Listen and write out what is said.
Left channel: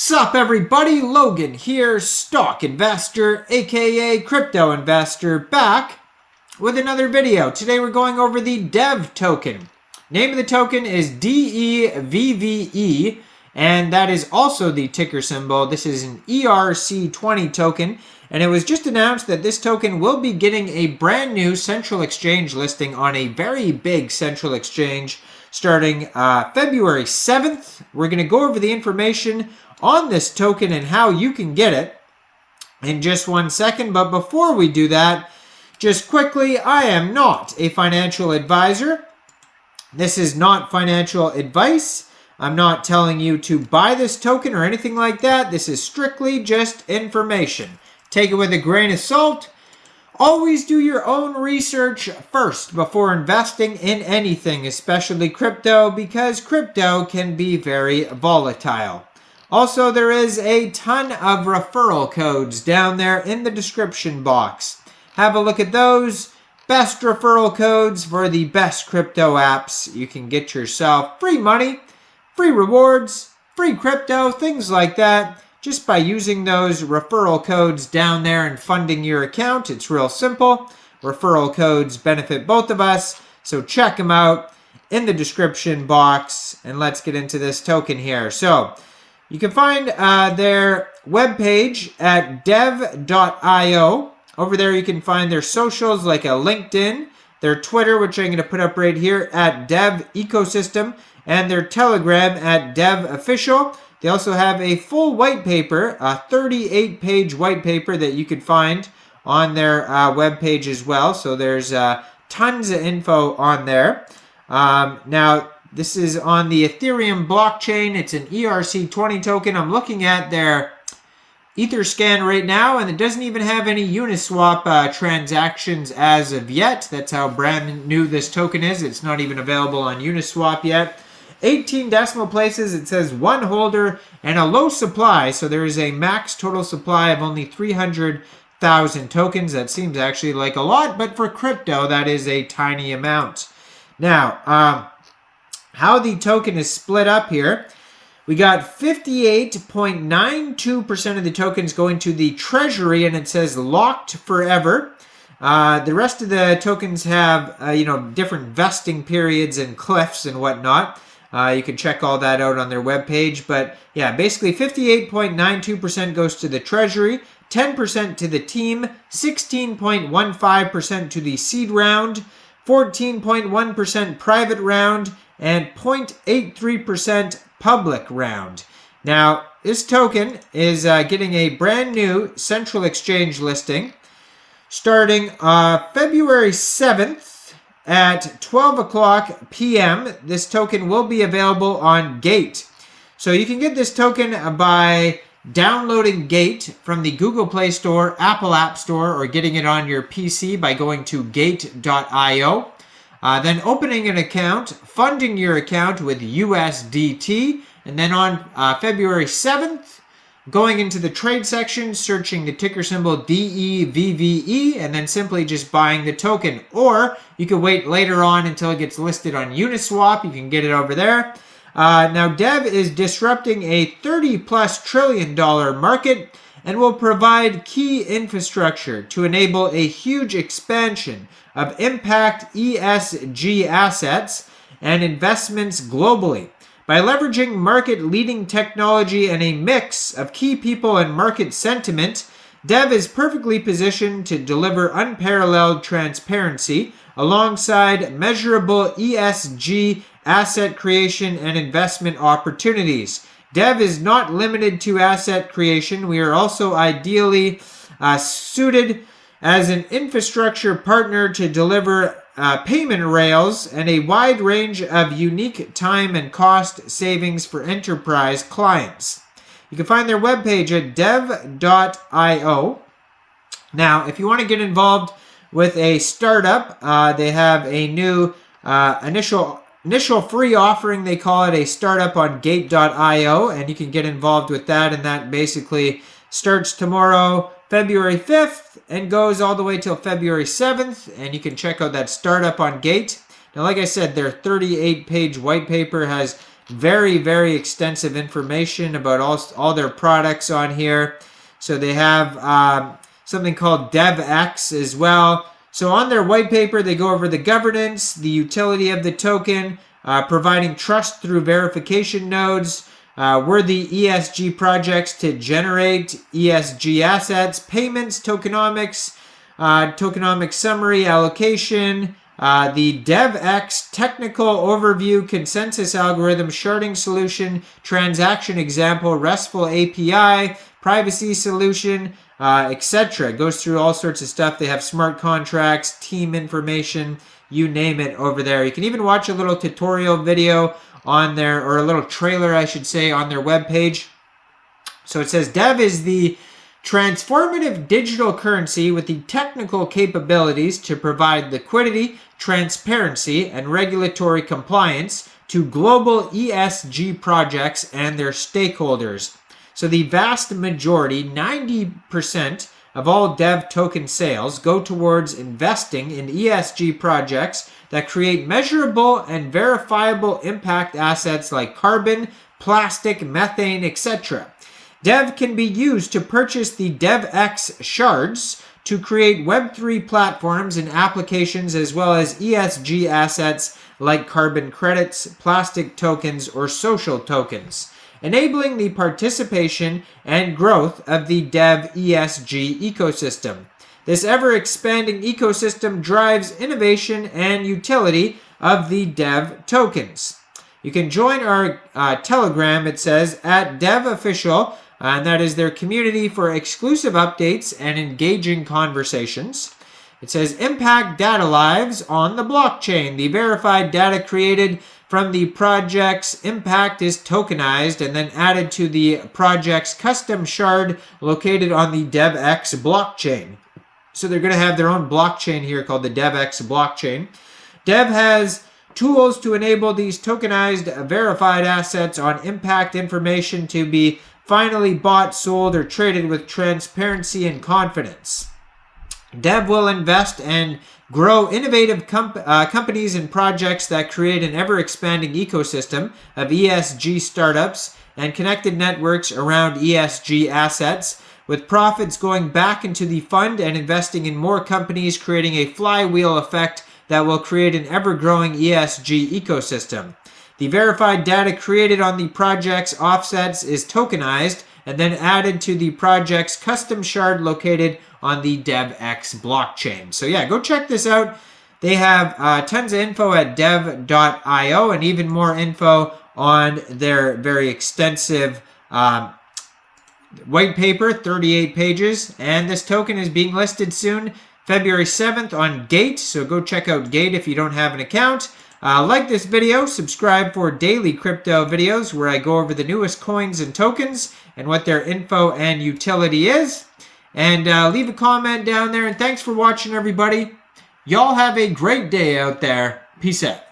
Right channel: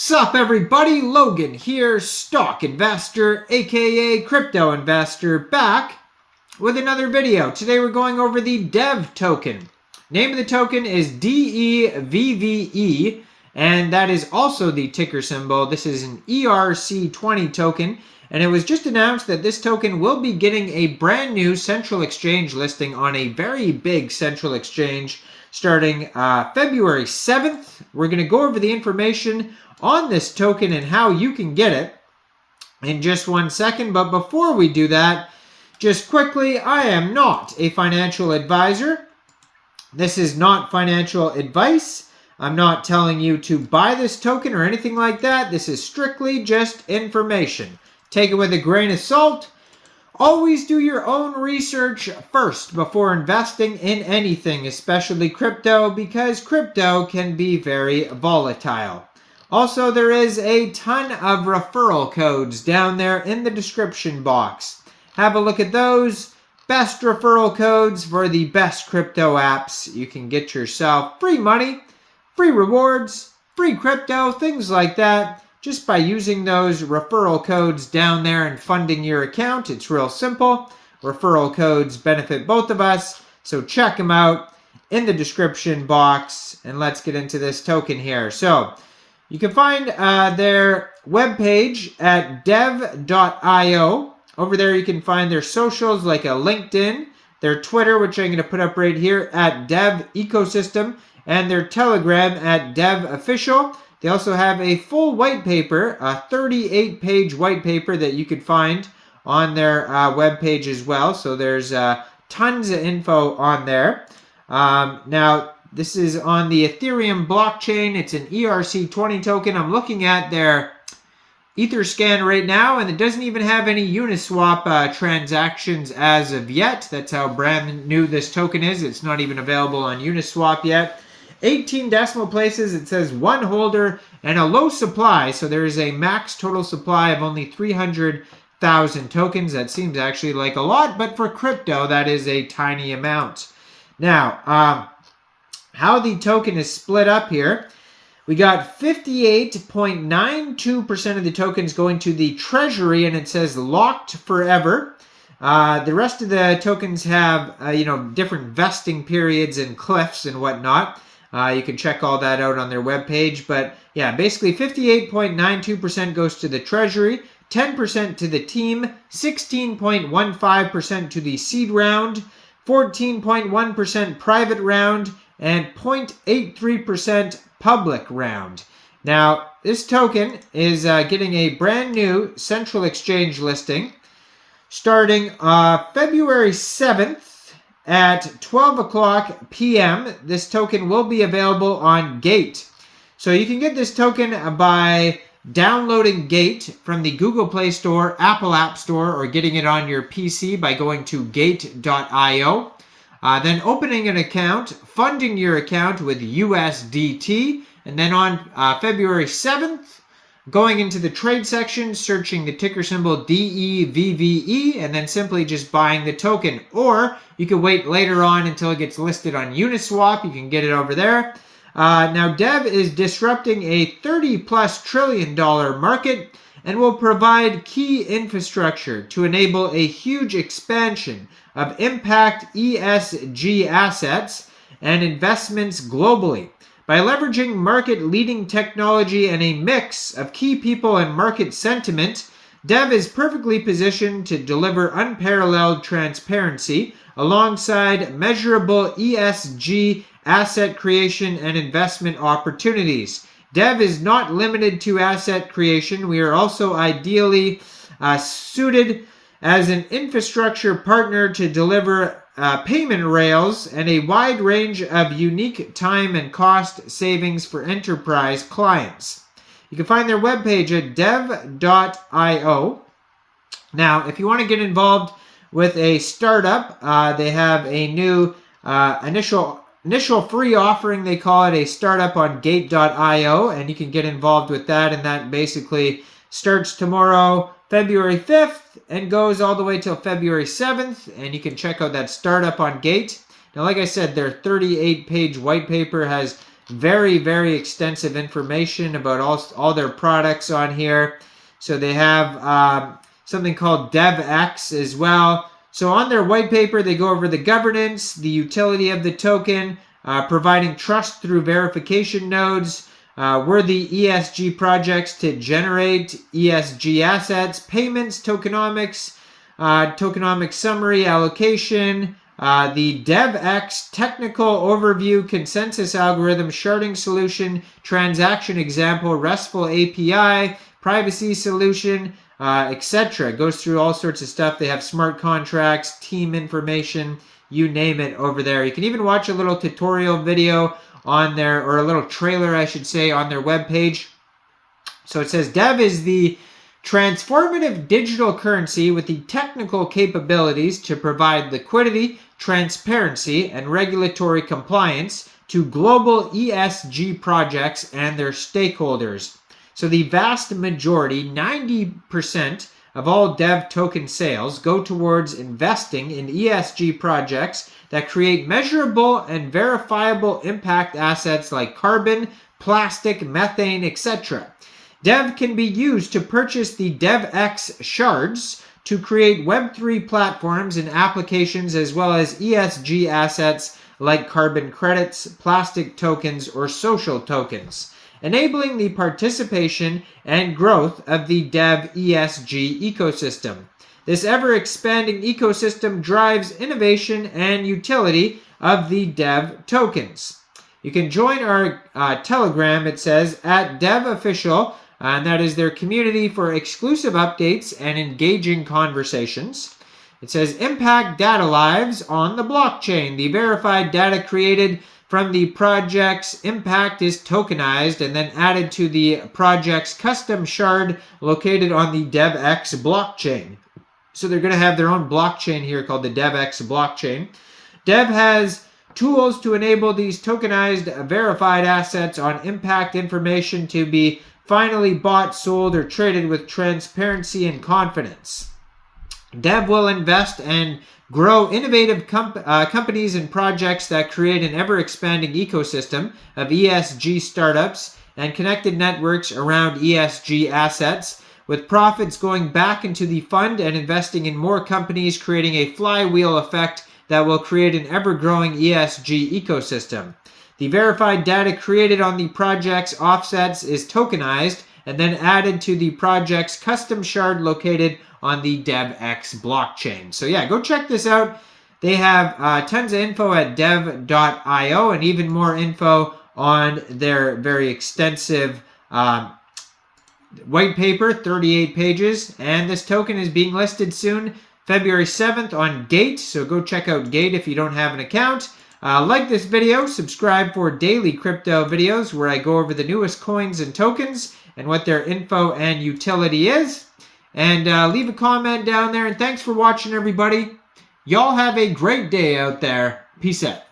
Sup everybody, Logan here, stock investor, aka crypto investor, back with another video. Today we're going over the Devve token. Name of the token is DEVVE, and that is also the ticker symbol. This is an ERC20 token, and it was just announced that this token will be getting a brand new central exchange listing on a very big central exchange starting February 7th. We're going to go over the information on this token and how you can get it in just 1 second. But before we do that, just quickly, I am not a financial advisor. This is not financial advice. I'm not telling you to buy this token or anything like that. This is strictly just information. Take it with a grain of salt. Always do your own research first before investing in anything, especially crypto, because crypto can be very volatile. Also, there is a ton of referral codes down there in the description box. Have a look at those. Best referral codes for the best crypto apps. You can get yourself free money, free rewards, free crypto, things like that, just by using those referral codes down there and funding your account. It's real simple. Referral codes benefit both of us, so check them out in the description box. And let's get into this token here. So you can find their webpage at devve.io. Over there you can find their socials like a LinkedIn, their Twitter, which I'm going to put up right here at Devve Ecosystem, and their Telegram at Devve Official. They also have a full white paper, a 38-page white paper that you could find on their webpage as well. So there's tons of info on there. Now, this is on the Ethereum blockchain. It's an ERC20 token. I'm looking at their Etherscan right now, and it doesn't even have any Uniswap transactions as of yet. That's how brand new this token is. It's not even available on Uniswap yet. 18 decimal places. It says one holder and a low supply. So there is a max total supply of only 300,000 tokens. That seems actually like a lot, but for crypto, that is a tiny amount. Now, how the token is split up here, we got 58.92% of the tokens going to the treasury, and it says locked forever. The rest of the tokens have, different vesting periods and cliffs and whatnot. You can check all that out on their webpage. But yeah, basically 58.92% goes to the treasury, 10% to the team, 16.15% to the seed round, 14.1% private round, and 0.83% public round. Now, this token is getting a brand new central exchange listing starting February 7th at 12 o'clock p.m. This token will be available on Gate. So you can get this token by downloading Gate from the Google Play Store, Apple App Store, or getting it on your PC by going to gate.io. Then opening an account, funding your account with USDT, and then on February 7th, going into the trade section, searching the ticker symbol DEVVE, and then simply just buying the token. Or you can wait later on until it gets listed on Uniswap. You can get it over there. Now, Devve is disrupting a $30+ trillion market and will provide key infrastructure to enable a huge expansion of impact ESG assets and investments globally. By leveraging market-leading technology and a mix of key people and market sentiment, Devve is perfectly positioned to deliver unparalleled transparency alongside measurable ESG asset creation and investment opportunities. Devve is not limited to asset creation. We are also ideally suited as an infrastructure partner to deliver payment rails and a wide range of unique time and cost savings for enterprise clients. You can find their webpage at devve.io. Now, if you want to get involved with a startup, they have a new initial free offering. They call it a startup on gate.io, and you can get involved with that, and that basically starts tomorrow, February 5th, and goes all the way till February 7th, and you can check out that startup on Gate. Now, like I said, their 38-page white paper has Very, very extensive information about all their products on here. So they have something called DevX as well. So on their white paper, they go over the governance, the utility of the token, providing trust through verification nodes, worthy ESG projects to generate ESG assets, payments, tokenomics, tokenomics summary, allocation, the DevX technical overview, consensus algorithm, sharding solution, transaction example, RESTful API, privacy solution, etc. It goes through all sorts of stuff. They have smart contracts, team information, you name it over there. You can even watch a little tutorial video on their, or a little trailer, I should say, on their webpage. So it says Dev is the transformative digital currency with the technical capabilities to provide liquidity, transparency, and regulatory compliance to global ESG projects and their stakeholders. So the vast majority, 90% of all Dev token sales go towards investing in ESG projects that create measurable and verifiable impact assets like carbon, plastic, methane, etc. Dev can be used to purchase the DevX shards to create Web3 platforms and applications, as well as ESG assets like carbon credits, plastic tokens, or social tokens, enabling the participation and growth of the Dev ESG ecosystem. This ever-expanding ecosystem drives innovation and utility of the Dev tokens. You can join our Telegram, it says, at Dev Official, and that is their community for exclusive updates and engaging conversations. It says, impact data lives on the blockchain. The verified data created from the project's impact is tokenized and then added to the project's custom shard located on the DevX blockchain. So they're going to have their own blockchain here called the DevX blockchain. Dev has tools to enable these tokenized verified assets on impact information to be finally bought, sold, or traded with transparency and confidence. Dev will invest and grow innovative companies and projects that create an ever-expanding ecosystem of ESG startups and connected networks around ESG assets, with profits going back into the fund and investing in more companies, creating a flywheel effect that will create an ever-growing ESG ecosystem. The verified data created on the project's offsets is tokenized and then added to the project's custom shard located on the DevX blockchain. So yeah, go check this out. They have tons of info at dev.io and even more info on their very extensive white paper, 38 pages. And this token is being listed soon, February 7th on Gate. So go check out Gate if you don't have an account. Like this video, subscribe for daily crypto videos where I go over the newest coins and tokens and what their info and utility is. And leave a comment down there. And thanks for watching, everybody. Y'all have a great day out there. Peace out.